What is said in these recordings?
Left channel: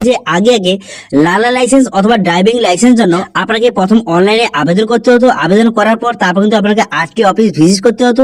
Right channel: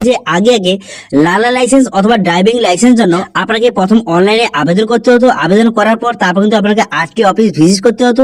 যে আগে আগে লালা লাইসেন্স অথবা ড্রাইভিং লাইসেন্স জন্য আপনাকে প্রথম অনলাইনে আবেদন করতে হতো। আবেদন করার পর তারপর কিন্তু আপনাকে আরটি অফিস ভিজিট করতে হতো।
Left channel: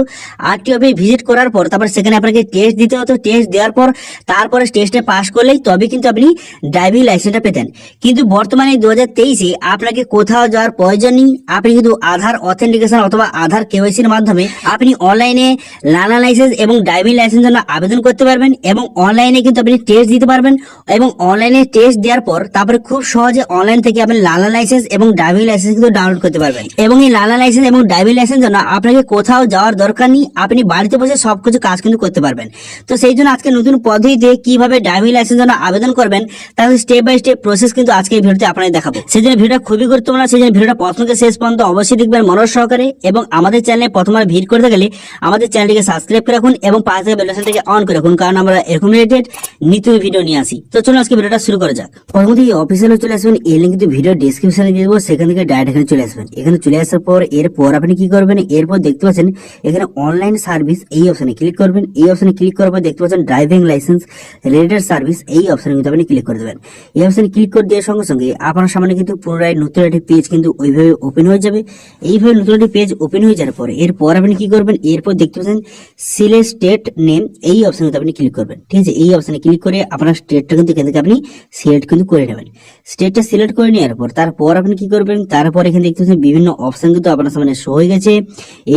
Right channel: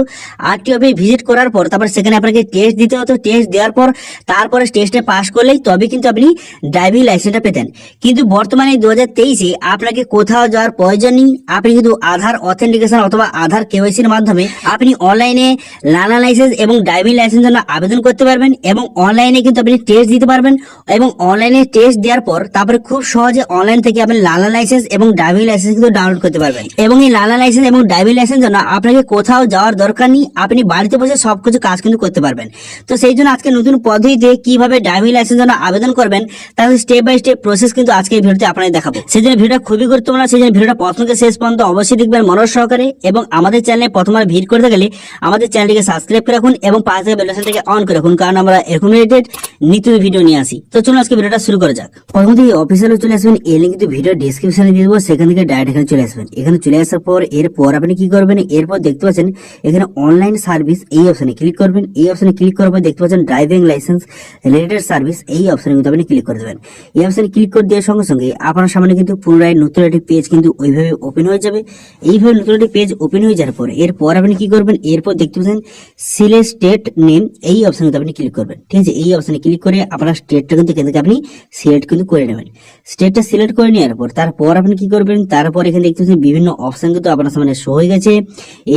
আরটি অফিস ভিজিট করার পর তারপর সেখানে আপনাকে টেস্ট দিতে হতো। টেস্ট দেওয়ার পর তারপরে টেস্টে পাস করলেই তবে কিন্তু আপনি ড্রাইভিং লাইসেন্সটা পেতেন। কিন্তু বর্তমানে 2023-এ আপনাকে কোথাও যাওয়ার প্রয়োজন নেই। আপনি কিন্তু আধার অথেন্টিকেশন অথবা আধার কেওয়াইসির মাধ্যমে আপনি অনলাইনে লালা লাইসেন্স এবং ড্রাইভিং লাইসেন্স জন্য আবেদন করতে পারবেন এবং অনলাইনে কিন্তু আপনি টেস্ট দিতে পারবেন এবং অনলাইনে টেস্ট দেওয়ার পর তারপরে খুব সহজে অনলাইন থেকে আপনি লালা লাইসেন্স এবং ড্রাইভিং লাইসেন্স কিন্তু ডাউনলোড করতে পারবেন। এবং এই লালা লাইসেন্স এবং ড্রাইভিং লাইসেন্স জন্য আপনাকে কোথাও যাওয়ার দরকার নেই, আপনি বাড়িতে বসে সবকিছু কাজ কিন্তু করতে পারবেন। তো সেই জন্য আজকে নতুন পদ্ধতিতে কিভাবে ড্রাইভিং লাইসেন্স জন্য আবেদন করবেন তার স্টেপ বাই স্টেপ প্রসেস কিন্তু আজকে এই ভিডিওতে আপনাদের দেখাবো। সেই জন্য ভিডিওটা খুবই গুরুত্বপূর্ণ, সেই জন্য ভিডিওটা প্রথম থেকে শেষ পর্যন্ত অবশ্যই দেখবেন মনোযোগ সহকারে। এবং আমাদের চ্যানেলে প্রথমবার ভিজিট করতে গেলে আমাদের চ্যানেলটিকে সাবস্ক্রাইব করে রাখুন এবং পাশে থাকা বেল আইকনটাকে অন করে রাখুন, কারণ আমরা এরকম রিলেটেড নিত্য ভিডিও নিয়ে আসি। তো চলুন আজকে ভিডিওটা শুরু করা যাক। প্রথমত এই অফিসিয়ালে চলে আসবেন, এই লিংক কিন্তু ভিডিও ডেসক্রিপশনে দিয়ে দেবো, সেখান থেকে ডাইরেক্ট এখানে চলে আসবেন। এখানে চলে আসার পর এরপর আপনি কি করবেন, এরপর দেখতে পাচ্ছেন এখানে অনলাইন সার্ভিস, এই অপশনে ক্লিক করবেন। এই অপশনে ক্লিক করার পর দেখতে পাচ্ছেন ড্রাইভিং লাইসেন্স রিলেটেড সার্ভিস, এই অপশনে কিন্তু আপনি ক্লিক করে দেবেন। এই অপশনে ক্লিক করে দেওয়ার সঙ্গে সঙ্গে আপনার সামনে কিন্তু পুনরায় নতুন একটি পেজ কিন্তু ওইভাবে ওপেন হয়ে যাবে। এইভাবে নতুন একটি পেজ ওপেন হয়ে যাওয়ার পর এরপর আপনি কি করবেন, এরপর দেখতে পাচ্ছেন সিলেক্ট স্টেট নেম, এই অপশনে কিন্তু আপনি ক্লিক করবেন। ঠিক আছে, এই অপশনে ক্লিক করে আপনার স্টেটটা কিন্তু এখান থেকে আপনি সিলেক্ট কিন্তু করে নেবেন। স্টেটটা সিলেক্ট করে নেওয়ার পর তারপর আপনি কি করবেন, তারপর এখানে দেখতে পাচ্ছেন বিভিন্ন অপশন কিন্তু আপনার সামনে শো হয়ে গেছে।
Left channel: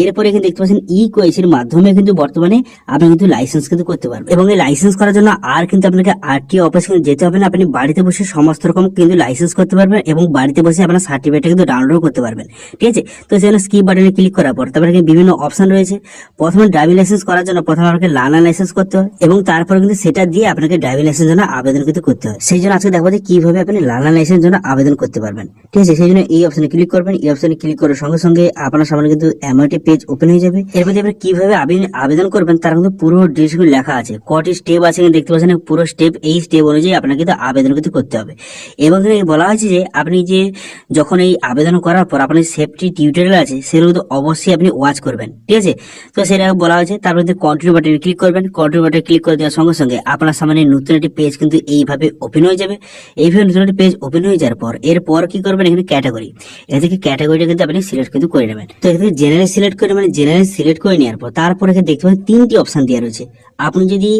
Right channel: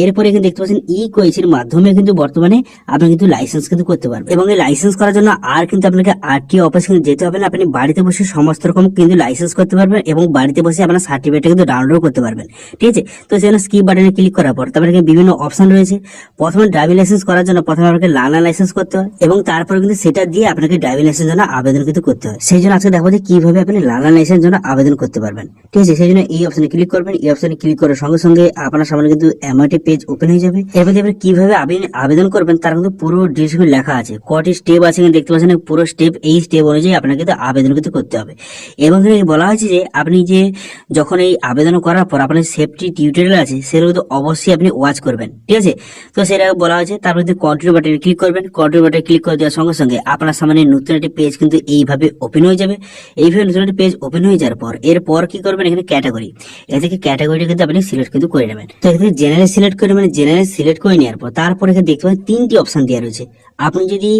এরপর এখানে দেখতে পাচ্ছেন ই কোয়েসের মাধ্যমে কিন্তু বর্তমানে আপনি কিন্তু লাইসেন্স কিন্তু করতে পারবেন। এবং এই লাইসেন্স করার জন্য আর কিন্তু আপনাকে আরটিও অফিস কিন্তু যেতে হবে না, আপনি বাড়িতে বসে সমস্ত রকম কিন্তু লাইসেন্স করতে পারবেন এবং বাড়িতে বসে আপনার সার্টিফিকেটটা কিন্তু ডাউনলোড করতে পারবেন। ঠিক আছে, তো সেখানে স্কিপ বাটনে ক্লিক করার পর তারপরে এখানে বিভিন্ন অপশন রয়েছে। প্রথমে ড্রাইভিং লাইসেন্স করার জন্য প্রথমে আপনাকে লালা লাইসেন্স করতে হয় এবং তারপর কিন্তু সেটা দিয়ে আপনাকে ড্রাইভিং লাইসেন্স জন্য আবেদন কিন্তু করতে হয়। সেই জন্য আজকে দেখবো যে কিভাবে আপনি লালা লাইসেন্স জন্য আবেদন করতে পারবেন। ঠিক আছে, সেই জন্য এই অপশনে ক্লিক করবেন। এই অপশনে ক্লিক করার সঙ্গে সঙ্গে আপনার সামনে কিন্তু এমআরটি পেজ ওপেন হয়ে যাবে। এরপর আপনি কিভাবে আবেদন করবেন তার কিন্তু পুরো ডিটেইলস লেখা আছে, কটি স্টেপ আছে দেখতে পাচ্ছেন পুরো স্টেপ। এই স্টেপ অনুযায়ী আপনাকে কিন্তু আবেদন কিন্তু করতে হবে। এবং বলা হয়েছে যে আপনি যে যখন এই আবেদন করার পর আপনার সেফটি টিউটোরিয়াল আছে সেগুলো কিন্তু অবশ্যই আপনি ওয়াচ করবেন। ঠিক আছে, তো সেটা বলা হয়েছে। তারপর কন্টিনিউ বাটনে ক্লিক করবেন। কন্টিনিউ বাটনে ক্লিক করে দেওয়ার সঙ্গে সঙ্গে আপনার সামনে নতুন একটি পেজ কিন্তু এইভাবে ওপেন হয়ে যাবে। এইভাবে নতুন একটি পেজ ওপেন হয়ে যাওয়ার পর এরপর কি করবেন, এখানে ক্যাটাগরি, এখান থেকে ক্যাটাগরিটা কিন্তু আপনি সিলেক্ট কিন্তু করে নেবেন। তো এখানে জেনারেল সিলেক্ট করে নেবেন। জেনারেল সিলেক্ট করে নেওয়ার পর তারপর এখানে দেখতে পাবেন তিনটি অপশন দেওয়া রয়েছে। আপনি যদি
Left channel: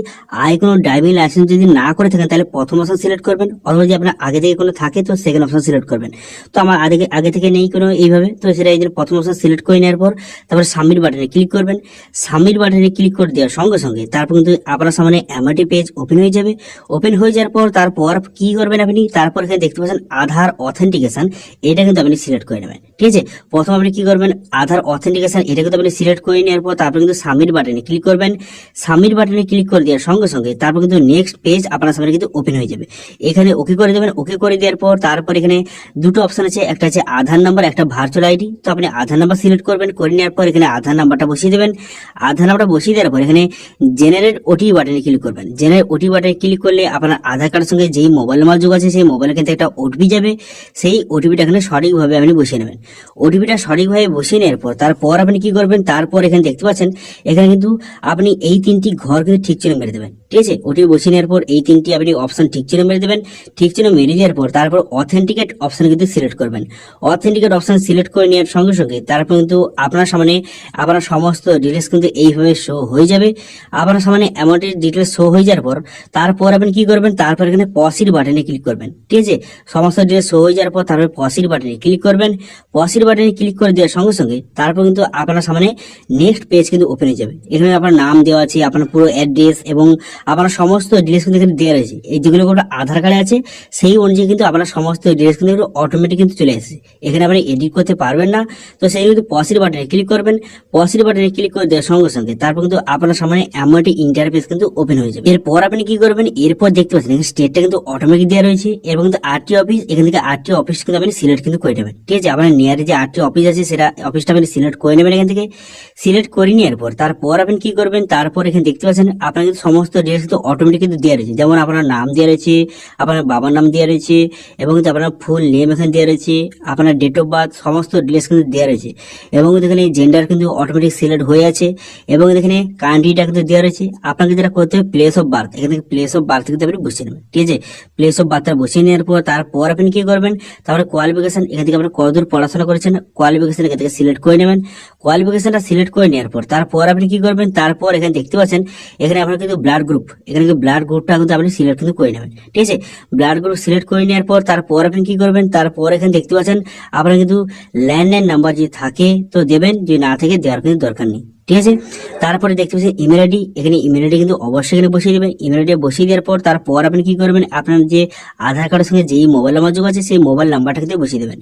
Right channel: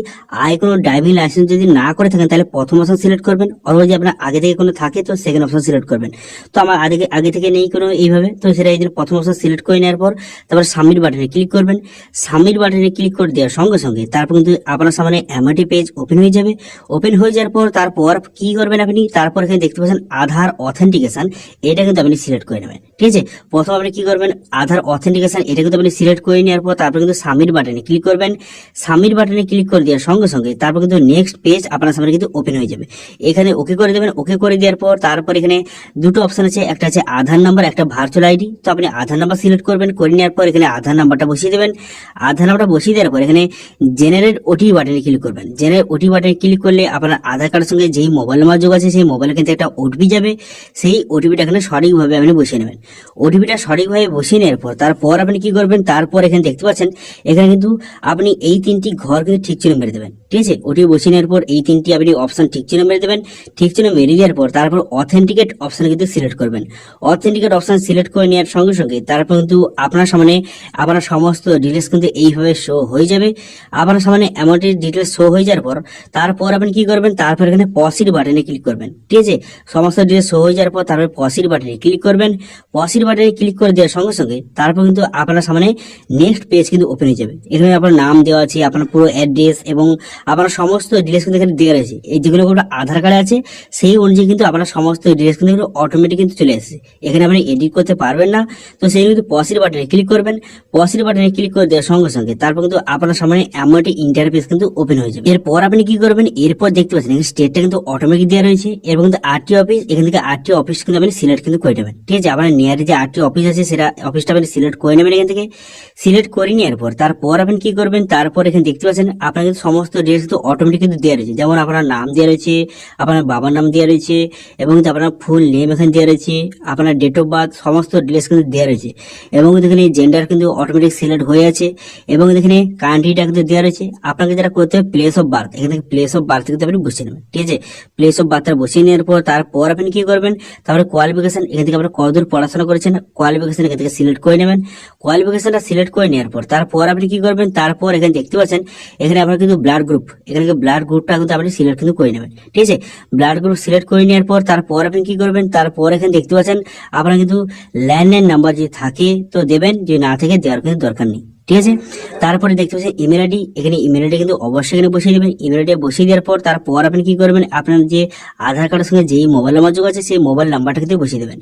আগে কোনো ড্রাইভিং লাইসেন্স যদি না করে থাকেন তাহলে প্রথম অপশন সিলেক্ট করবেন, অথবা যদি আপনার আগে থেকে কোনো থাকে তো সেকেন্ড অপশন সিলেক্ট করবেন। তো আমার আগে থেকে নেই কোনো এইভাবে, তো সেটা এই যে প্রথম অপশন সিলেক্ট করে নেওয়ার পর তারপর সাবমিট বাটনে ক্লিক করবেন। সাবমিট বাটনে ক্লিক করে দেওয়ার সঙ্গে সঙ্গে তারপর কিন্তু আপনার সামনে এমআরটি পেজ ওপেন হয়ে যাবে। ওপেন হয়ে যাওয়ার পর তারপর কি করবেন আপনি, তারপর এখানে দেখতে পাচ্ছেন আধার অথেন্টিকেশন, এটা কিন্তু আপনি সিলেক্ট করে নেবেন। ঠিক আছে, প্রথম আপনি কি করবেন, আধার অথেন্টিকেশন এটা কিন্তু আপনি সিলেক্ট করে নেওয়ার পর তারপর কিন্তু সাবমিট বাটনে ক্লিক করবেন। সাবমিট বাটনে ক্লিক করে দেওয়ার সঙ্গে সঙ্গে তারপর কিন্তু নেক্সট পেজ আপনার সামনে কিন্তু ওপেন হয়ে যাবে। এখানে ওকে করে দেবেন। ওকে করে দেওয়ার পর তারপর এখানে দুটো অপশন আছে, একটা আছে আধার নাম্বার, একটা ভার্চুয়াল আইডি। তো আপনি আধার নাম্বার সিলেক্ট করবেন। করে নেওয়ার পর এখানে আধার নাম্বারটা বসিয়ে দেবেন। আধার নাম্বারটা বসিয়ে দেওয়ার পর এখানে জেনারেট ওটিপি বাটনে ক্লিক করবেন। জেনারেট ওটিপি বাটনে ক্লিক করলে আপনার আধার কার্ডের সঙ্গে যেই মোবাইল নাম্বার যোগ আছে সেই মোবাইলের কিন্তু একটা ওটিপি যাবে। সেই ওটিপিটা এখানে সঠিকভাবে আপনি বসিয়ে নেবেন। ওটিপিটা সঠিকভাবে বসিয়ে নেওয়ার পর তারপর আপনি কি করবেন, তারপর এখানে দেখতে পাচ্ছেন এখানে কিন্তু আপনি এই তিনটি ঘর কিন্তু ঠিক চিহ্ন মেরে দেবেন। ঠিক আছে, ওটিপি বসিয়ে নেওয়ার পর এই তিনটি আপনি অপশন ঠিক চিহ্ন মেরে দেবেন। ঠিক চিহ্ন মেরে দেওয়ার পর তারপর অথেন্টিকেট অপশন কিন্তু সিলেক্ট করবেন। অথেন্টিকেট অপশন সিলেক্ট করে নেওয়ার সঙ্গে সঙ্গে তারপর কিন্তু আপনার সামনে আপনার সমস্ত ডিটেলস কিন্তু এইভাবে শো হয়ে যাবে। আপনার সামনে অ্যামাউন্টের ডিটেলস শো হয়ে যাওয়ার পর তারপর আপনি কি করবেন, তারপর এখানে পসিড বাটনে ক্লিক করবেন। ঠিক আছে, সমস্ত ডিটেলস শো হয়ে যাওয়ার পর তারপর পসিড বাটনে ক্লিক করবেন। পসিড বাটনে ক্লিক করে দেওয়ার সঙ্গে সঙ্গে তারপর কিন্তু আপনার সামনে নেক্সট পেজ কিন্তু ওপেন হয়ে যাবে। এখানে আপনার নাম দেওয়া আছে, আপনার পুরো অ্যাড্রেস এবং আপনার সমস্ত ডিটেলস কিন্তু এখানে দেওয়া রয়েছে। এই যেগুলো আধার কার্ডে আছে সেই অনুযায়ী কিন্তু আপনার সমস্ত ডিটেলস কিন্তু অটোমেটিক কিন্তু চলে আসছে। এখানে আপনি এডিট করতে পারবেন না। তো সেই কিন্তু পসিড বাটনে ক্লিক করবেন। পসিড বাটনে ক্লিক করে দেওয়ার সঙ্গে সঙ্গে তারপর কিন্তু আপনার সামনে এমআরটি ইন্টারফেস কিন্তু ওপেন হয়ে যাবে। এরপর আপনি কি করবেন, এরপর দেখতে পাচ্ছেন এখানে স্টেটটা কিন্তু অটোমেটিক দেওয়া রয়েছে এবং কিন্তু আরটি অফিস, এখান থেকে আরটি অফিস কিন্তু আপনি সিলেক্ট কিন্তু করে নেবেন। ঠিক আছে, আপনার নিয়ারে যে আরটি অফিস আছে সেটা অফিসটা আপনি সিলেক্ট করে নেবেন। এখান থেকে সিলেক্ট করে নেওয়ার পর তারপর আপনি কি করবেন, তারপর এখানে দেখতে পাচ্ছেন আপনার কিন্তু সমস্ত ডিটেলস কিন্তু অটোমেটিক কিন্তু দেওয়া রয়েছে, যেমন আপনার নাম দেওয়া রয়েছে, আপনার বাবার নাম দেওয়া রয়েছে, এবং আপনার ফুল নেম এখানে দেওয়া রয়েছে, আপনার ডেট অফ বার্থ সমস্ত ডিটেলস কিন্তু দেওয়া রয়েছে, এবং এখানে জেন্ডার কিন্তু অটোমেটিক সিলেক্ট হয়ে আছে, এবং এখানে কান্ট্রিটা কিন্তু দেওয়া রয়েছে। আপনাকে যেটা করতে হবে প্লেস অফ বার্থ, এখান থেকে প্লেস অফ বার্থ কিন্তু আপনি বসিয়ে নেবেন, ঠিক আছে। প্লেস অফ বার্থটা বসিয়ে নেওয়ার পর তারপর আপনি কি করবেন, তারপরে কোয়ালিফিকেশন, এখান থেকে আপনি কতদূর পড়াশোনা করেছেন কোয়ালিফিকেশন এখান থেকে সিলেক্ট করে নেবেন। কোয়ালিফিকেশনটা সিলেক্ট করে নেওয়ার পর তারপর আপনি কি করবেন, তারপর এখানে দেখতে পাচ্ছেন এখানে আপনার কিন্তু ব্লাড গ্রুপ, এখানে ব্লাড গ্রুপটা কিন্তু আপনি সিলেক্ট কিন্তু করে নেবেন, ঠিক আছে। ব্লাড গ্রুপ সিলেক্ট করে নেওয়ার পর তারপর আপনি কি করবেন, তারপর এখানে দেখতে পাচ্ছেন আপনার কিন্তু ল্যান্ডলাইন নাম্বার যদি থাকে তো দেবেন, যদি না থাকে দেওয়ার কিন্তু দরকার নেই, ঠিক আছে। তারপরে দেখতে পাচ্ছেন ইমেল আইডি, এখানে ইমেল আইডি কিন্তু অবশ্যই এখানে বসিয়ে দেবেন। ইমেল আইডি বসিয়ে দেওয়ার পর তারপর আপনি কি করবেন, আপনার যে আধার কার্ডের সঙ্গে যেই মোবাইল নাম্বার যোগ আছে সেই মোবাইল নাম্বারটা কিন্তু বসিয়ে দেবেন।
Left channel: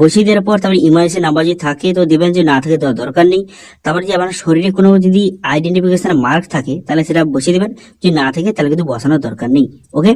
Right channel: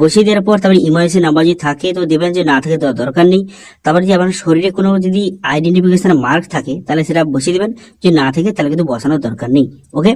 বসিয়ে দেওয়ার পর তারপরে ইমার্জেন্সি নাম্বার যদি থাকে তো দেবেন, যে না থাকে দেওয়ার দরকার নেই। তারপরে যে আপনার শরীরে কোনো যদি আইডেন্টিফিকেশন মার্ক থাকে তাহলে সেটা বসিয়ে দেবেন, যদি না থাকে তাহলে কিন্তু বসানোর দরকার নেই, ওকে।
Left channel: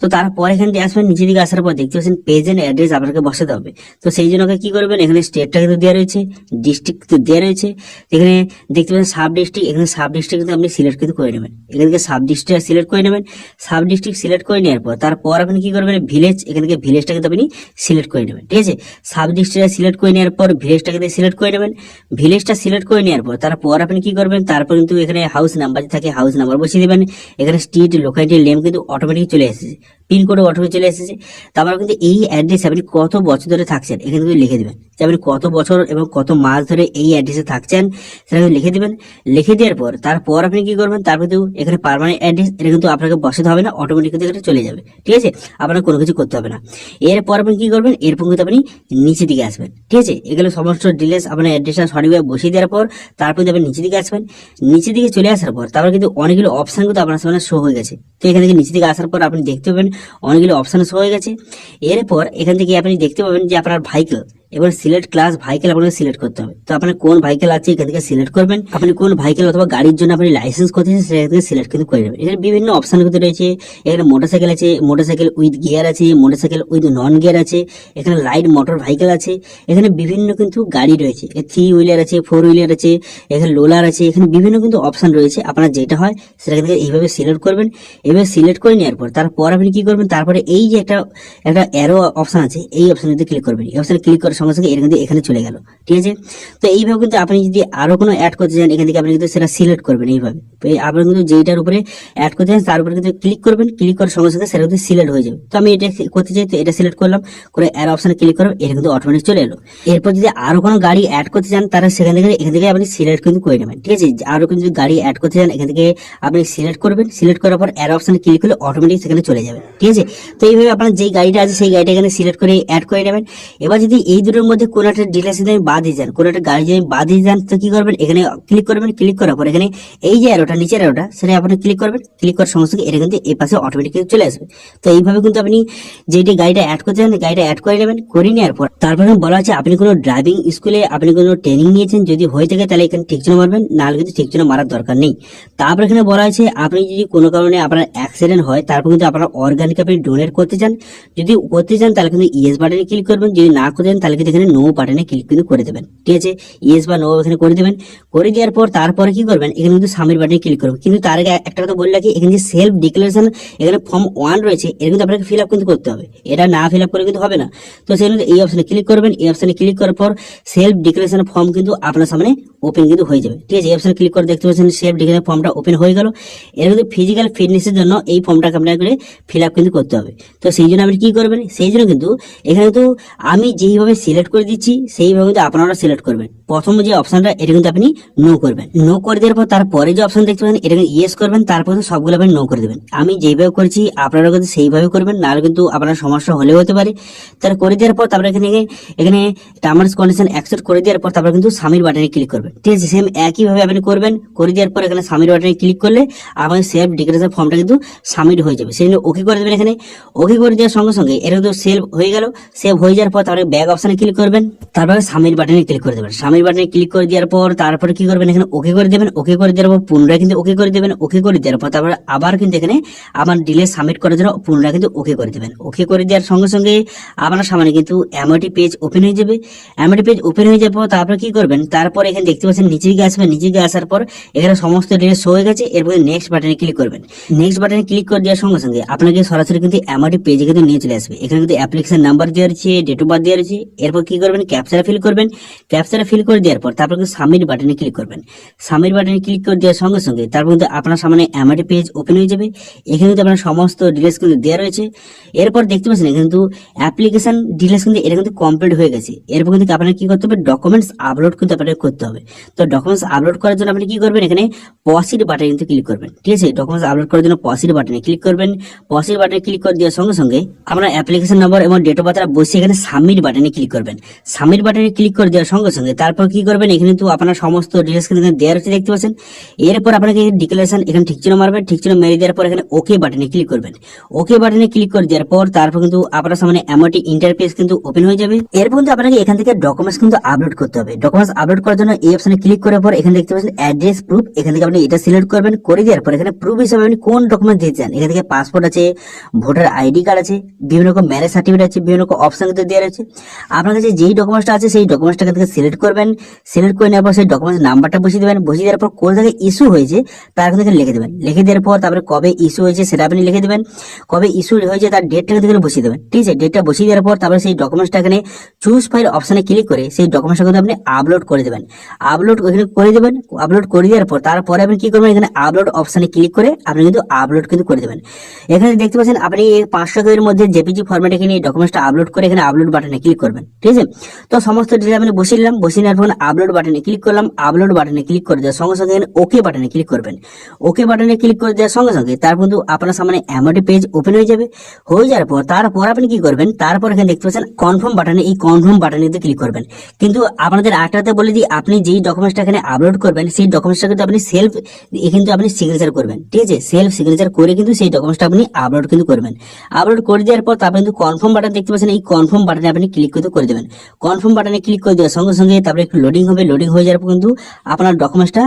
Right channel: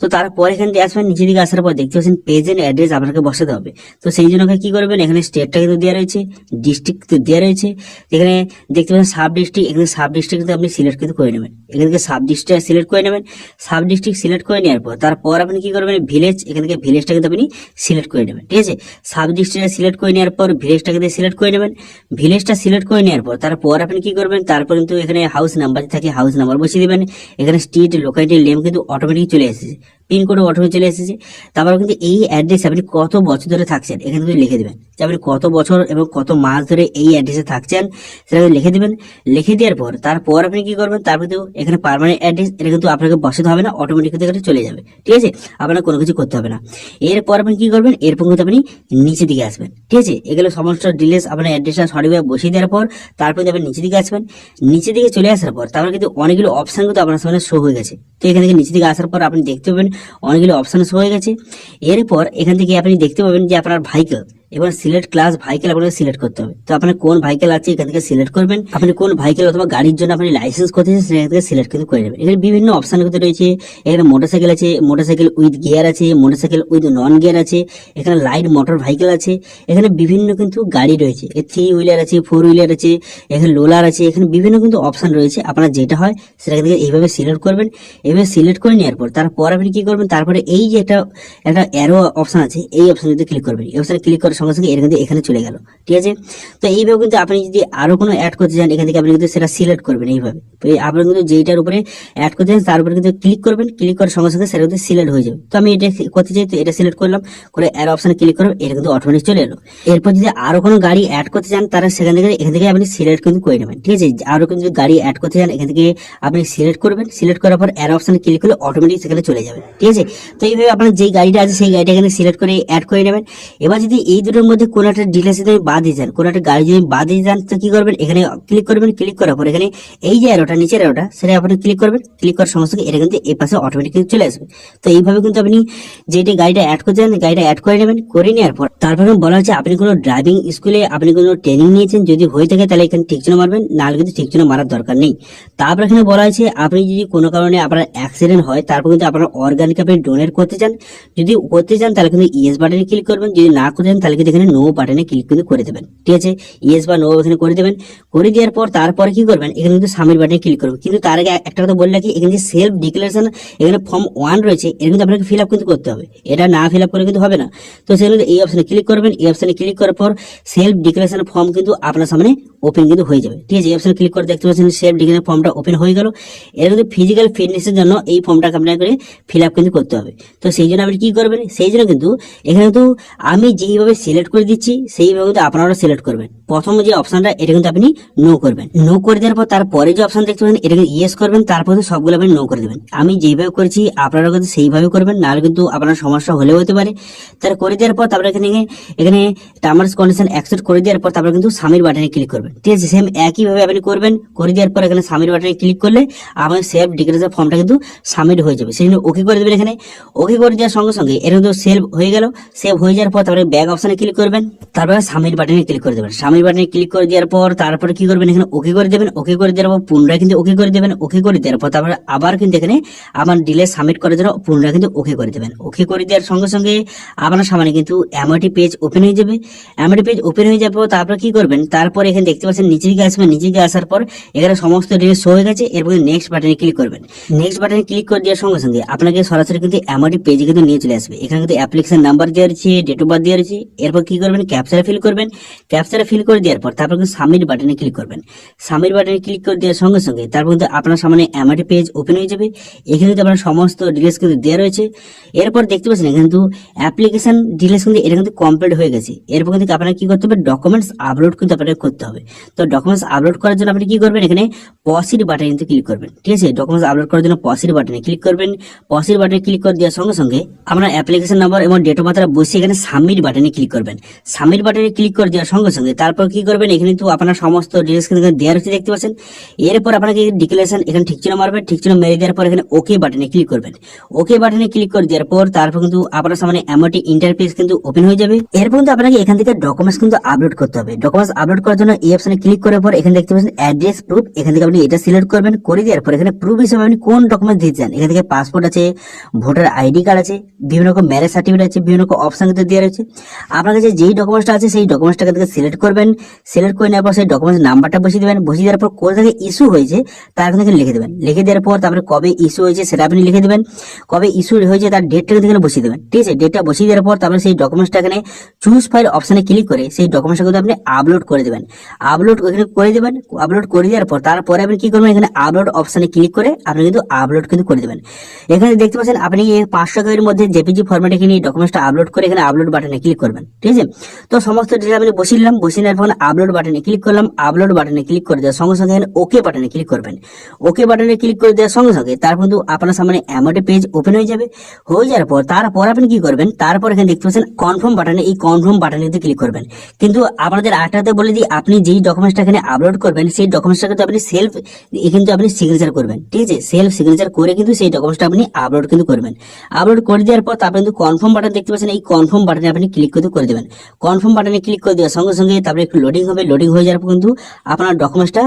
তো তারপর এখান থেকে আসবেন, নিচের দিকে আসার পর দেখতে পাচ্ছেন প্রেজেন্ট অ্যাড্রেস আপনাকে বসাতে হবে। তো সেই জন্য কি করবেন, এখানে স্টেটটা কিন্তু দেওয়া রয়েছে, ডিস্ট্রিক্ট দেওয়া রয়েছে, এখানে দেখতে পাচ্ছেন সাব ডিস্ট্রিক্ট, এখানে সাব ডিস্ট্রিক্ট কিন্তু আপনি সিলেক্ট কিন্তু করে নেবেন, এখান থেকে সাব ডিস্ট্রিক্ট সিলেক্ট করে নেবেন। সাব ডিস্ট্রিক্ট সিলেক্ট করে নেওয়ার পর তারপর আপনি কি করবেন, ভিলেজ, এখান থেকে ভিলেজটা কিন্তু আপনি সিলেক্ট করে নেবেন, ঠিক আছে। সাব ডিস্ট্রিক্ট সিলেক্ট করে নেওয়ার পর ভিলেজটা কিন্তু সিলেক্ট করে নেবেন। ভিলেজটা সিলেক্ট করে নেওয়ার পর তারপর আপনি কি করবেন, তারপর কিন্তু এখানে হাউস নাম্বার থাকে, হাউস নাম্বার বসিয়ে দেবেন। এখানে স্ট্রিট লোকালিটির নেম কিন্তু অটোমেটিক চলে এসেছে, পিনকোড অটোমেটিক চলে এসেছে। তারপর কিন্তু এই অ্যাড্রেসে আপনি কত বছর ধরে থাকছেন এখানে কিন্তু লিখে দেবেন, যে আপনি কত বছর এবং কত মাস ধরে এই অ্যাড্রেসে থাকছেন সেটা কিন্তু লিখে দেবেন। লিখে দেওয়ার পর তারপর আপনি কি করবেন, তারপর কিন্তু এখানে পার্মানেন্ট অ্যাড্রেস, এটা কিন্তু আপনাকে বসাতে হবে না, অটোমেটিক কিন্তু এখানে চলে যাবে, ঠিক আছে। আপনার কোনো কিছু করতে হবে না। এরপর আপনি কি করবেন, এরপর কিন্তু আপনি নিচের দিকে আসবেন, ঠিক আছে। এগুলো সমস্ত ডিটেলস আপনার অ্যাড্রেসটা সঠিকভাবে বসিয়ে দেওয়ার পর তারপর কিন্তু আপনি নিচের দিকে আসবেন। নিচের দিকে চলে আসার পর তারপর কিন্তু অনেকগুলো অপশন কিন্তু আপনার সামনে শো হয়ে গেছে। তো এখান থেকে নিচের দিকে আসার পর আপনি দেখতে পাবেন অনেকগুলো অপশন শো হয়ে গেছে। এরপর এখান থেকে আপনি দেখতে পাবেন যে আপনার ভাইকেল, এবার সিলেক্ট ক্লাস ভাইকেল আপনাকে সিলেক্ট করতে হবে। তো আপনার কোন ভাইকেল আছে এখান থেকে সিলেক্ট করবেন, আপনি কোন ভাইকেল অথবা গাড়ির জন্য আপনি লাইসেন্স করতেছেন সেখান থেকে সিলেক্ট কিন্তু করে নেবেন। এখানে বিভিন্ন অপশন কিন্তু রয়েছে, এখানে মোটরসাইকেল আছে, মোটরসাইকেল উইথ গিয়ার আছে, মোটরসাইকেল উইথ নন গিয়ার আছে, এখানে লাইট মোটর ভাইকেল আছে, এখানে বিভিন্ন কিন্তু গাড়ি রয়েছে, 3 হুইলার আছে, 4 হুইলার আছে, এখানে লোলার আছে, এখানে বিভিন্ন কিন্তু অপশন রয়েছে। আপনার যেটা হয় সেটা থেকে এইভাবে সিলেক্ট করবেন। এইভাবে সিলেক্ট করে নেওয়ার পর তারপর আপনি কি করবেন, তারপরে এই যে একটা অ্যারো অপশন আছে এই অপশনে ক্লিক করবেন। এই অপশনে ক্লিক করার সঙ্গে সঙ্গে এর কিন্তু এখানে চলে গেল, ঠিক আছে। তো এইভাবে কিন্তু আপনি যদি আরো কোনো অ্যাড করতে চান এখান থেকে আপনি কিন্তু সেটা সিলেক্ট করবেন এইভাবে। তো আপনি কিন্তু যেটার উপরে অ্যাড করতে চান তার উপরে কিন্তু ক্লিক করবেন, ক্লিক করার সঙ্গে সঙ্গে সেটা কিন্তু সিলেক্ট হয়ে যাবে। তো আমি এটা করতে চাই, তো এটা সিলেক্ট করলাম, করে অ্যারো অপশনে ক্লিক করলাম, এটা কিন্তু অটোমেটিক চলে এলো। এরপর যদি আরো কোনো গাড়ি অ্যাড করতে চান তারা সেখান থেকে এখান থেকে আপনি সিলেক্ট কিন্তু করে নেবেন, ঠিক আছে। আরো কোনো যদি গাড়ি অ্যাড করতে চান এখান থেকে আপনি সিলেক্ট করবেন, সিলেক্ট করার পর অ্যারো অপশনে ক্লিক করলে অটোমেটিক সেখানে চলে যাবে, ঠিক আছে। তো এইভাবে আপনার যেই গাড়িটা আছে সেই গাড়িটা এখানে সিলেক্ট করে অ্যাড করে নেবেন। এবার যদি এই দুটোর মধ্যে কোনো একটা ডিটেলস যদি বাদ দিয়ে যান, কোনো একটা গাড়ি যদি বাদ দিয়ে যান তো কি করবেন, এখানে ক্লিক করবেন, ক্লিক করার পর এখানে এই যে অ্যারোটা নিচের অ্যারোটা সেটা আপনি ক্লিক করবেন, ক্লিক করার সঙ্গে সঙ্গে এটা কিন্তু এই পাশে অটোমেটিক চলে আসবে। তো এইভাবে কিন্তু আপনি যেটি গাড়িটা অ্যাড করতে চান গাড়িটা অ্যাড করে নেবেন। করে নেওয়ার পর তারপরে বলা হচ্ছে আপনি কোনো ড্রাইভিং স্কুলে আপনি কোনো ট্রেনিং নিয়েছেন, যদি হয়ে থাকে তাহলে এখানে ঠিক জন্য মারবেন, নাহলে কিন্তু ঠিক জন্য মারার দরকার নেই। তারপর এখানে বলা হয়েছে আপনি যদি কোনো কারণে আপনার অ্যাক্সিডেন্ট হয় তারপর কিন্তু আপনার অর্গানিক আপনি ডোনেট করতে চান, যদি করতে চান তাহলে কিন্তু ইয়েস বাটনে ক্লিক করবেন, যদি না করতে চান তাহলে কিন্তু এখানে নো বাটনে ক্লিক কিন্তু করে দেবেন, ঠিক আছে। ইয়েস বা নো এখানে করে দেবেন। করে দেওয়ার পর তারপরে কি করবেন, এখানে কিন্তু সাবমিট বাটনে ক্লিক করবেন। কিন্তু তার আগে একটা কথা বললে কি, এখানে যে সেলফ ডিক্লারেশন এখানে ফর্ম 1 রয়েছে এটা কিন্তু আপনাকে ফিল আপ কিন্তু করতে হবে, এটা না ফিল আপ করে কিন্তু হবে না। তো সেখানে এই অপশনে ক্লিক করবেন। এই অপশনে ক্লিক করার পর সেলফ ডিক্লারেশন ফর্ম কিন্তু আপনার সামনে ওপেন কিন্তু হয়ে যাবে, ঠিক আছে। এই অপশনে ক্লিক করে দেখতে পাচ্ছেন সেলফ ডিক্লারেশন ফর্মটা ওপেন হয়ে গেল। এর কিন্তু ফিজিক্যাল ফিটনেসের জন্য এই ফর্মটাকে আপনাকে ফিল আপ কিন্তু করতে হবে। তো সেই জন্য আপনি কি করবেন, সেই জন্য কিন্তু এখানে তো আমি যেইভাবে সিলেক্ট করে দিচ্ছি সেইভাবে কিন্তু আপনারা সিলেক্ট করবেন। প্রথম যে অপশনটা এটা কিন্তু আপনি নো করবেন, নো করে দেওয়ার পর তারপরে যে অপশন দেখতে পাবেন এটা ইয়েস করবেন, তারপর সবগুলো আপনি নো করে দেবেন। আমি যেইভাবে করেছি আপনারা কিন্তু সেইভাবে করবেন, নাহলে কিন্তু আপনার সমস্যা হলেও হতে পারে। তার করে দেওয়ার পর তারপরে এখানে টার্মস কন্ডিশন অ্যাকসেপ্ট করে দেওয়ার পর তারপর কিন্তু সাবমিট বাটনে ক্লিক করবেন, ঠিক আছে। সেম একইভাবে আপনি করবেন। করে দেওয়ার পর এখানে সাবমিট বাটনে ক্লিক করলে আমার সেলফ ডিক্লারেশন ফর্মটা কিন্তু সাবমিট হয়ে যাবে। সেই জন্য ওকে করে দেবেন। এখানে ওকে করে দেওয়ার সঙ্গে সঙ্গে এটা কিন্তু সেভ হয়ে গেল। সেভ হয়ে যাওয়ার পর তারপরে ব্যাক অপশনে ক্লিক করবেন, তারপরে সাবমিট বাটনে ক্লিক করে দেবেন। সাবমিট সাবমিট বাটনে ক্লিক করে দেওয়ার পর তারপরে কি করবেন, এখানে ওকে করে দেবেন। ওকে করে দেওয়ার পর পুনরায় কিন্তু ওকে করে দেবেন। ওকে করে দেওয়ার পর তারপর আবার কিন্তু এখানে আমার ডিলে সাবমিট করার জন্য পুনরায় কিন্তু ওকে করে দেবেন। ওকে করে দেওয়ার সঙ্গে সঙ্গে আপনার সামনে কিন্তু এমওটি পেজ ওপেন হয়ে যাবে। এমওটি পেজ ওপেন হয়ে যাওয়ার পর তারপর কি করবেন, তারপর এখানে দেখতে পাচ্ছেন নিচে গিয়ে আসবেন। নিচে গিয়ে আসার পর এখানে সমস্ত ডিটেলস শো হয়ে গেছে। এরপর নেক্সট বাটনে ক্লিক করবেন। নেক্সট বাটনে ক্লিক করে দেওয়ার সঙ্গে সঙ্গে আপনাকে সরাসরি কিন্তু এমওটি পেজে কিন্তু নিয়ে চলে আসবে। এখানে কিন্তু অ্যাপ্লিকেশন নাম্বার দেওয়া রয়েছে, ডেট অফ বার্থ দেওয়া রয়েছে। এরপর কি করবেন, ক্যাপচারা ফিল করবেন। ক্যাপচারা ফিল করে দেওয়ার পর তারপর কিন্তু সাবমিট বাটনে ক্লিক করবেন। সাবমিট বাটনে ক্লিক করে দেওয়ার সঙ্গে সঙ্গে তারপর কিন্তু আপনার সামনে এমওটি পেজ ওপেন হয়ে যাবে। এখানে কিন্তু আপনার সমস্ত ডিটেলস কিন্তু দেওয়া রয়েছে। এরপর দেখতে পাচ্ছেন এখানে কিন্তু অ্যাপ্লিকেশন ডিটেলস কিন্তু এটা কিন্তু কমপ্লিট হয়ে গেছে। এরপর কিন্তু আপনার কি করতে হবে, ডকুমেন্টস আপলোড কিন্তু আপনাকে করতে হবে। তো ডকুমেন্টস আপলোড করার জন্য আপনি কি করবেন, এখানে পসিড বাটনে কিন্তু ক্লিক করবেন। ঠিক আছে, ডকুমেন্টস আপলোড করার জন্য পসিড বাটনে ক্লিক করবেন। পসিড বাটনে ক্লিক করে দেওয়ার সঙ্গে সঙ্গে আপনার অ্যাপ্লিকেশন নাম্বার এবং ডেট অফ বার্থ বসিয়ে এখানে সাবমিট বাটনে ক্লিক করবেন। সাবমিট বাটনে ক্লিক করে দেওয়ার সঙ্গে সঙ্গে তারপর কি করবেন, এখানে কিন্তু আপনার সমস্ত ডিটেলস কিন্তু দেওয়া রয়েছে দেখতে পাচ্ছেন। এরপর আপনাকে ডিক্লারেশন এখানে ঠিক চিহ্ন মারবেন। ঠিক চিহ্ন মেরে দেওয়ার পর এখানে ওকে বাটনে ক্লিক করবেন। ওকে বাটনে ক্লিক করে দেওয়ার পর তারপর কিন্তু আপনার সামনে এমওটি ইন্টারফেস কিন্তু ওপেন হয়ে যাবে। এরপর কিন্তু আপনাকে এখান থেকে ডকুমেন্টস কিন্তু আপলোড করতে হবে। ডকুমেন্টস আপলোড করার জন্য এই অপশনে ক্লিক করার পর এখানে দেখতে পাচ্ছেন অ্যাড্রেস প্রুফ। এখান থেকে আপনি এটা সিলেক্ট করবেন। করে দেওয়ার পর এখানে প্রুফ হিসেবে আপনি কোন ডকুমেন্ট দিতে চান, এখান থেকে পাসপোর্ট আছে, ভোটার আইডি কার্ড আছে, বিভিন্ন রকম ম্যারেজ সার্টিফিকেট আছে, বিভিন্ন রকম অপশন কিন্তু দেওয়া রয়েছে। আপনার কাছে যেই ডকুমেন্টসটা আছে সেই ডকুমেন্টসটাকে থেকে সিলেক্ট করবেন। সিলেক্ট করে নেওয়ার পর সেই ডকুমেন্টস নাম্বারটা বসিয়ে দেবেন। বসিয়ে দেওয়ার পর কোথা থেকে ইস্যু হয়েছে তার কিন্তু এখানে লিখে দেবেন। লিখে দেওয়ার পর তারপরে কবে ইস্যু হয়েছে সেটা আপনি লিখে দেবেন। কবে ইস্যু হয়েছে তার ডেটটা কিন্তু এখানে বসিয়ে দেবেন। ঠিক আছে, ডেটটা বসিয়ে দেওয়ার পর তারপরে সেই ডকুমেন্টসটা এখানে চুজ ফাইল অপশনে ক্লিক করে সেই ডকুমেন্টসটা কিন্তু আপনি আপলোড করে দেবেন। আপলোড এখানে করে দেবেন। আপলোড করে দেওয়ার পর তারপরে আপনি কি করবেন, এখানে আপলোড অপশনে ক্লিক করে আপনি কিন্তু আপলোড কিন্তু করে দেবেন। এখানে দেখতে পাচ্ছেন আপনি 500 এর মধ্যে জেপিজি ফরম্যাটে এখানে ডকুমেন্টসটা আপলোড করে এখানে আপলোড বাটনে ক্লিক করবেন। ঠিক আছে, তো সমস্ত ডিটেইলস আমি বসিয়ে নিলাম। বসিয়ে নেওয়ার পর আপলোড বাটনে ক্লিক করলাম। আপলোড বাটনে ক্লিক করে দেওয়ার সঙ্গে সঙ্গে ওকে বাটনে ক্লিক করবেন। ওকে বাটনে ক্লিক করে দেওয়ার সঙ্গে সঙ্গে তারপর কিন্তু আপনার সামনে এমওটি পেজ ওপেন হয়ে যাবে। হয়ে যাওয়ার পর তারপর আপনি কি করবেন, তারপর এখানে দেখতে পাচ্ছেন কনফার্ম বাটনে, এই কনফার্ম বাটনে ক্লিক করবেন। কিন্তু আপনাদের আটাতে বলে দিই, আপনি যেই ডকুমেন্টসটা এখানে আপলোড করবেন সেই ডকুমেন্টসটা কিন্তু আপনি সেলফ কিন্তু আপনি সিগনেচার করবেন। ঠিক আছে, সেলফ সিগনেচার করে কিন্তু সেই ডকুমেন্টসটা আপনি আপলোড কিন্তু করবেন। আপলোড করে দেওয়ার পর তারপর কিন্তু কনফার্ম বাটন দেখতে পাচ্ছেন, এই কনফার্ম বাটনে আপনি ক্লিক করে দেবেন। কনফার্ম বাটনে ক্লিক করে দেওয়ার সঙ্গে সঙ্গে তারপরে একটু লোডিং হবে। লোডিং হয়ে যাওয়ার পর কিন্তু আপনার ডকুমেন্টসটা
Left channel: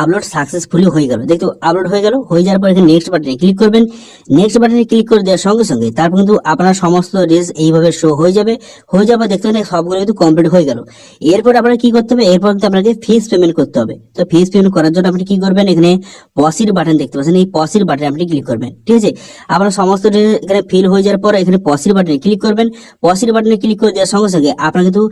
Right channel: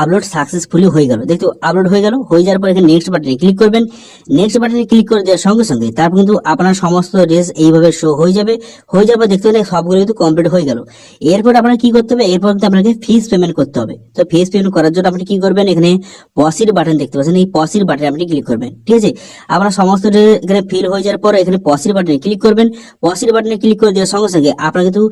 আপলোড সাকসেসফুলি হয়ে গেল। দেখো আপলোড হয়ে গেল। হয়ে যাওয়ার পর এখানে নেক্সট বাটনে ক্লিক করবেন। নেক্সট বাটনে ক্লিক করে দেওয়ার সঙ্গে সঙ্গে তারপর কিন্তু আপনার সমস্ত ড্রেস এইভাবে শো হয়ে যাবে। হয়ে যাওয়ার পর দেখতে পাচ্ছেন সবগুলো কিন্তু কমপ্লিট হয়ে গেল। এরপর আপনার কি করতে হবে, এরপর কিন্তু আপনাকে ফিস পেমেন্ট করতে হবে। তো ফিস পেমেন্ট করার জন্য আপনি কি করবেন, এখানে পসিড বাটন দেখতে পাচ্ছেন, এই পসিড বাটনে আপনি ক্লিক করবেন। ঠিক আছে, আপনার সমস্ত এখানে ফিল হয়ে যাওয়ার পর এখানে পসিড বাটনে ক্লিক করবেন। পসিড বাটনে ক্লিক করে দেওয়ার সঙ্গে সঙ্গে আপনার কিন্তু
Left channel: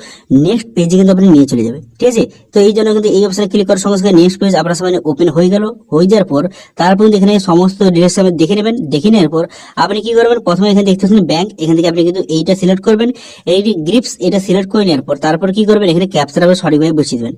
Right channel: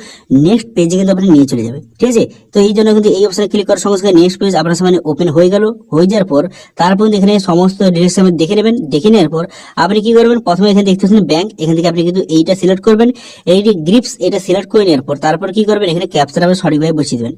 নেক্সট পেজে কিন্তু আপনি নিয়ে চলে যাবে। ঠিক আছে, তো এই জন্য কিন্তু এই অপশনে ক্লিক করার সঙ্গে সঙ্গে নেক্সট পেজ আপনার সামনে ওপেন হয়ে গেল। হয়ে যাওয়ার পর তারপর এখানে সমস্ত ডিটেইলস আপনি দেখে নেবেন। দেখে নেওয়ার পর আপনি কি করবেন, প্রথমে এখানে দেখতে পাচ্ছেন ব্যাংক, এখান থেকে আপনি কিন্তু এইটা সিলেক্ট করবেন। এইটি গ্রিপস এটা সিলেক্ট করে নেওয়ার পর তারপর কি করবেন, এখানে ক্যাপচারা আপনি সঠিকভাবে বসিয়ে দেবেন।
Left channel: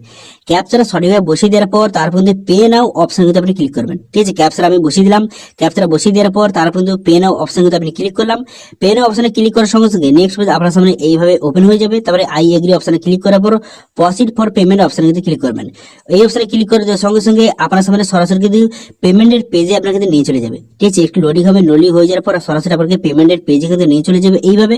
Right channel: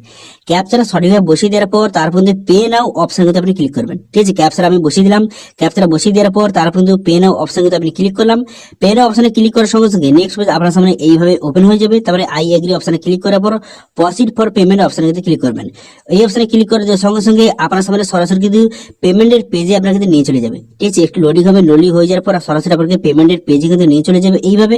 ক্যাপচারা সঠিকভাবে বসিয়ে দেওয়ার পর তারপর পে নাও অপশন কিন্তু আপনি ক্লিক করবেন। ঠিক আছে, ক্যাপচারা আমি বসিয়ে দিলাম। ক্যাপচারা বসিয়ে দেওয়ার পর তারপর পে নাও অপশন কিন্তু আপনি ক্লিক করলাম। পে নাও অপশনে ক্লিক করার সঙ্গে সঙ্গে নেক্সট পেজ আপনার সামনে এইভাবে ওপেন হয়ে যাবে। তারপরে আই এগ্রি অপশনে ক্লিক করার পর প্রসিড ফর পেমেন্ট অপশনে কিন্তু ক্লিক করবেন। এই অপশনে ক্লিক করে দেওয়ার সঙ্গে সঙ্গে আপনার সামনে সরাসরি কিন্তু পেমেন্টের পেজে আপনার কিন্তু নিয়ে চলে যাবে। ঠিক আছে, একটু লোডিং হবে। লোডিং হয়ে যাওয়ার পর সরাসরি আপনাকে পেমেন্টের পেজে কিন্তু নিয়ে চলে যাবে। এইভাবে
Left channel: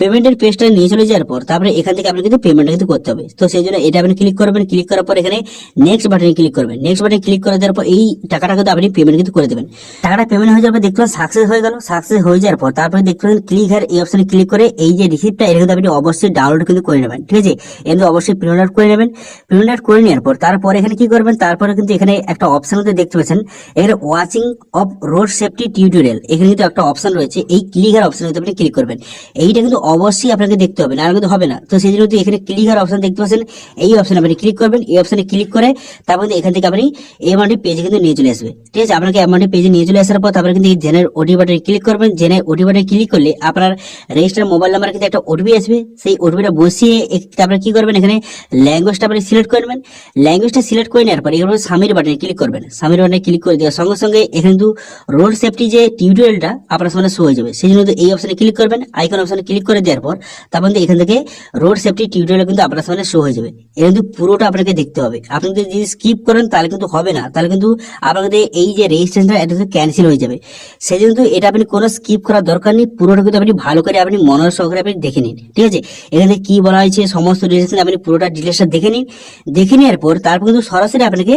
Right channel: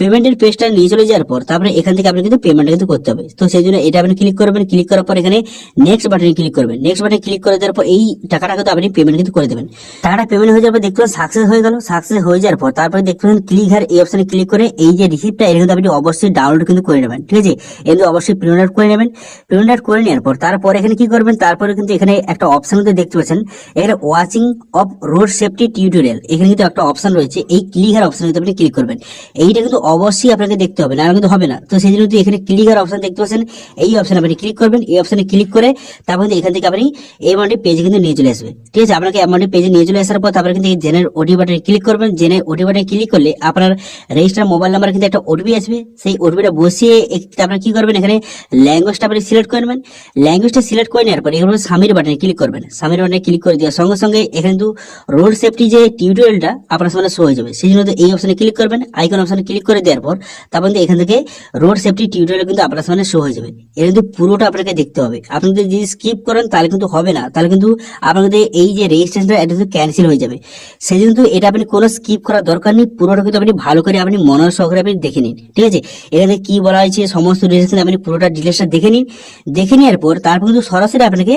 পেমেন্টের পেজটা নিয়ে চলে যাওয়ার পর তারপরে এখান থেকে আপনি কিন্তু পেমেন্টটা কিন্তু করতে হবে। তো সেই জন্য এটা আপনি ক্লিক করবেন। ক্লিক করার পর এখানে নেক্সট বাটনে ক্লিক করবেন। নেক্সট বাটনে ক্লিক করে দেওয়ার পর এই টাকাটা কিন্তু আপনি পেমেন্ট কিন্তু করে দেবেন। টাকাটা পেমেন্ট হয়ে যাওয়ার পর দেখতে পাবেন সাকসেস হয়ে গেল। সাকসেস হয়ে যাওয়ার পর তারপরে দেখতে পাবেন ক্লিক হিয়ার, এই অপশনে ক্লিক করে এই যে রিসিপ্টটা এটা কিন্তু আপনি অবশ্যই ডাউনলোড কিন্তু করে নেবেন। ঠিক আছে, এগুলো অবশ্যই প্রিন্ট আউট করে নেবেন। প্রিন্ট আউট করে নেওয়ার পর তারপরে এখানে কি করবেন, তারপরে কিন্তু এখানে একটা অপশন কিন্তু দেখতে পাচ্ছেন এর watching of road safety tutorial, এখানে কিন্তু একটা অপশন রয়েছে। এই ক্লিক হিয়ার অপশনে কিন্তু আপনি ক্লিক করবেন। এইটা কিন্তু অবশ্যই আপনাকে দেখতে হবে, না কিন্তু হবে না। তো সেই জন্য এখানে ক্লিক হিয়ার অপশন দেখতে পাচ্ছেন, এই অপশনে আপনি ক্লিক করবেন। এই অপশনে ক্লিক করে তারপর এখান থেকে আপনি এমআরটি পেজে কিন্তু নিয়ে চলে আসবে। ঠিক আছে, আপনাকে এমআরটি পেজে নিয়ে চলে আসার পর তারপরে কিন্তু জেনারেল ওটিপি বাটনে ক্লিক করবেন। জেনারেল ওটিপি বাটনে ক্লিক করলে আপনার রেজিস্টার মোবাইল নাম্বার কিন্তু একটা ওটিপি আসবে। সেই ওটিপিটা বসিয়ে তারপরে কি করবেন, এখানে ল্যাঙ্গুয়েজটা আপনি সিলেক্ট করে নেবেন। ল্যাঙ্গুয়েজটা সিলেক্ট করে নেওয়ার পর এখানে সাবমিট বাটনে ক্লিক করবেন। সাবমিট বাটনে ক্লিক করে দেওয়ার সঙ্গে সঙ্গে এখানে কিন্তু রোড সেফটি যে টিউটোরিয়ালটা আপনার সামনে শো হয়ে যাবে। সেই জন্য এই অপশনে ক্লিক করবেন। আইকন অপশনে ক্লিক করে দেওয়ার পর তারপর এখান থেকে রোড সেফটি টিউটোরিয়াল কিন্তু আপনার সামনে শো হয়ে যাবে। এটা কিন্তু পুরোটা আপনাকে দেখতে হবে। আপনি যদি স্কিপ করেন তাহলে কিন্তু হবে না, তাহলে কিন্তু আপনাদের এই যে রেজিস্ট্রেশনটা এটা কিন্তু ক্যান্সেল হয়ে যাবে। সেই জন্য কিন্তু এটা আপনি কোনো স্কিপ করার দরকার নেই, পুরোটা কিন্তু আপনি ভালো করে আপনি মনোযোগ সহকারে আপনি দেখে নিন। ঠিক আছে, এখানে কি বলা হয়েছে সমস্ত রেজিস্ট্রেশন আপনি পুরোটা ডিটেলসটা দেখে নিন। দেখে নেওয়ার পর তারপর কিন্তু সরাসরি আপনাকে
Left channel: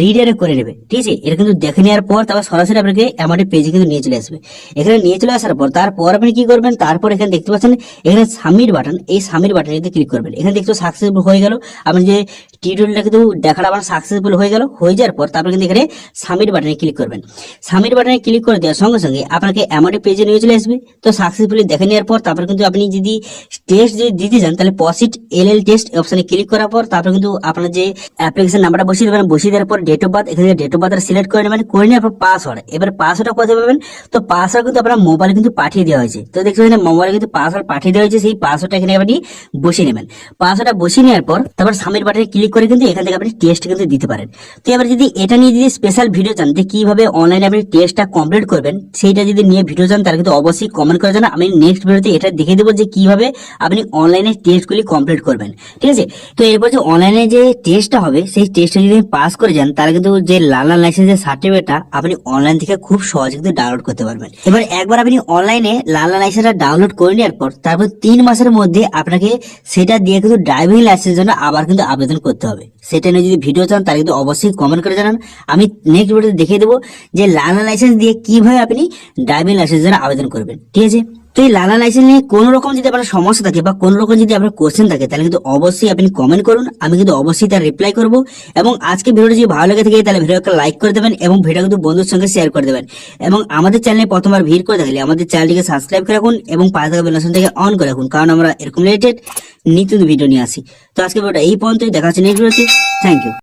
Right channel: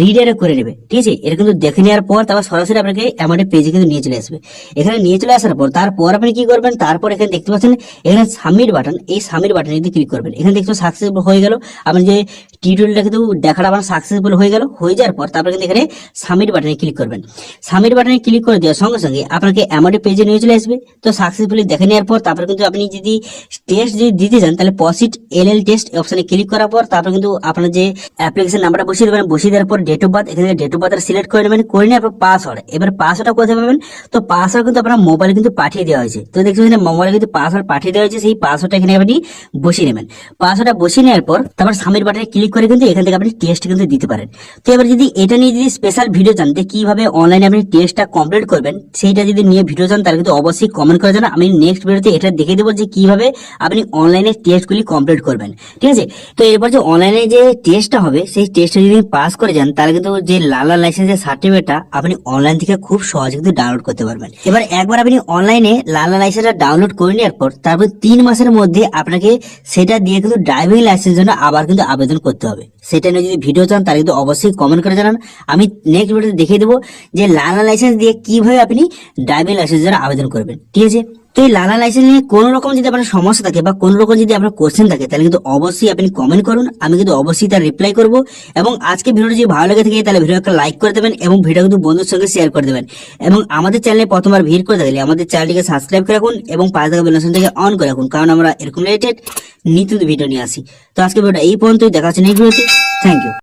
রিডাইরেক্ট করে নেবে। ঠিক আছে, এটা কিন্তু দেখে নেওয়ার পর তারপর সরাসরি আপনাকে আমাদের পেজে কিন্তু নিয়ে চলে আসবে। এখানে নিয়ে চলে আসার পর তারপর আপনি কি করবেন, তারপর এখানে দেখতে পাচ্ছেন এখানে সাবমিট বাটন, এই সাবমিট বাটনে যদি ক্লিক করবেন এখানে দেখতে সাকসেসফুল হয়ে গেল। আপনি যে টিউটোরিয়ালটা কিন্তু দেখাটা আপনার সাকসেসফুল হয়ে গেল। হয়ে যাওয়ার পর তারপর কিন্তু এখানে সাবমিট বাটনে ক্লিক করবেন। সাবমিট বাটনে ক্লিক করে দেওয়ার সঙ্গে সঙ্গে আপনাকে আমাদের পেজে নিয়ে চলে আসবে। তো সাকসেসফুলি দেখে নেওয়ার পর তারপর কিন্তু আপনি যদি টেস্ট যদি দিতে চান তাহলে পসিট এলএল টেস্ট অপশনে ক্লিক করার পর তারপর কিন্তু আপনার যে অ্যাপ্লিকেশন নাম্বারটা বসিয়ে দেবেন, বসিয়ে দেওয়ার পর ডেট অফ বার্থ, এখানে ডেট অফ বার্থ সিলেক্ট করে নেবেন, করে নিয়ে আপনার পাসওয়ার্ড, এবার পাসওয়ার্ডটা কোথায় পাবেন, তো পাসওয়ার্ড কিন্তু আপনার মোবাইলে কিন্তু পাঠিয়ে দেওয়া হয়েছে। তো দেখছেন এখানে মোবাইলে কিন্তু পাসওয়ার্ড পাঠিয়ে দেওয়া হয়েছে, সেই পাসওয়ার্ডটা এখানে আপনি বসিয়ে নেবেন। পাসওয়ার্ডটা বসিয়ে নেওয়ার পর তারপর সাবমিট বাটনে ক্লিক করে কিন্তু এখান থেকে আপনি টেস্ট কিন্তু দিতে পারেন। তো এবার যদি এটা নিয়ে যদি স্পেশাল ভিডিও চান যে কিভাবে অনলাইনে আপনি টেস্টটা কমপ্লিট করবেন, সেইটা যদি নিয়ে ভিডিও চান তাহলে কিন্তু অবশ্যই কমেন্ট করে জানান। আমি নেক্সট ভিডিওতে এটা দেখে দেবো যে কিভাবে আপনি অনলাইনে টেস্টগুলি কমপ্লিট করবেন। ঠিক আছে, তো এরপর যে অনলাইনে যে টেস্টটা হবে সেই টেস্টটা যদি পাস করে যান তাহলে কিন্তু যে লালা লাইসেন্সের সার্টিফিকেটটা আপনি অনলাইন থেকে খুব সহজে কিন্তু ডাউনলোড করতে পারবেন। এবার একবার আপনি অনলাইনে লালা লাইসেন্সটা ডাউনলোড করে নেওয়ার পর তারপর 3 মাসের মধ্যে আপনাকে সেটা দিয়ে কিন্তু ড্রাইভিং লাইসেন্সের জন্য আবার কিন্তু আবেদন করতে হবে। সেটা নিয়ে যদি ভিডিও চান তাহলে কিন্তু অবশ্যই কমেন্ট করে জানান। আমি নেক্সট ভিডিওতে দেখিয়ে দেবো যে লালা লাইসেন্স দিয়ে কিভাবে আপনি ড্রাইভিং লাইসেন্সের জন্য আবেদন করবেন। ঠিক আছে, তো এই লালা লাইসেন্স নিয়ে কোন রকম যদি আপনার সমস্যা থাকে বা কোন রকম যদি আপনার কোশ্চেন থাকে তাহলে কিন্তু অবশ্যই আপনি কমেন্ট করুন, আমি কিন্তু অবশ্যই তার রিপ্লাই করব। এবং আজকে ভিডিওটা যদি ভালো লেগে থাকে তাহলে ভিডিও একটা লাইক করে দেবেন এবং ভিডিও কিন্তু বন্ধুর সঙ্গে শেয়ার করে দেবেন। এবং আমাদের চ্যানেলে প্রথমবার ভিড় করে থাকলে আমাদের চ্যানেলটিকে সাবস্ক্রাইব করে রাখুন এবং পাশে থাকা বেল আইকনটাকে অন করে রাখুন, কারণ আমরা এরকম রিলেটেড নিত্য ভিডিও নিয়ে আসি। তো আজকে ভিডিওটা এই পর্যন্তই, দেখা হচ্ছে নেক্সট ভিডিওতে। Thank you.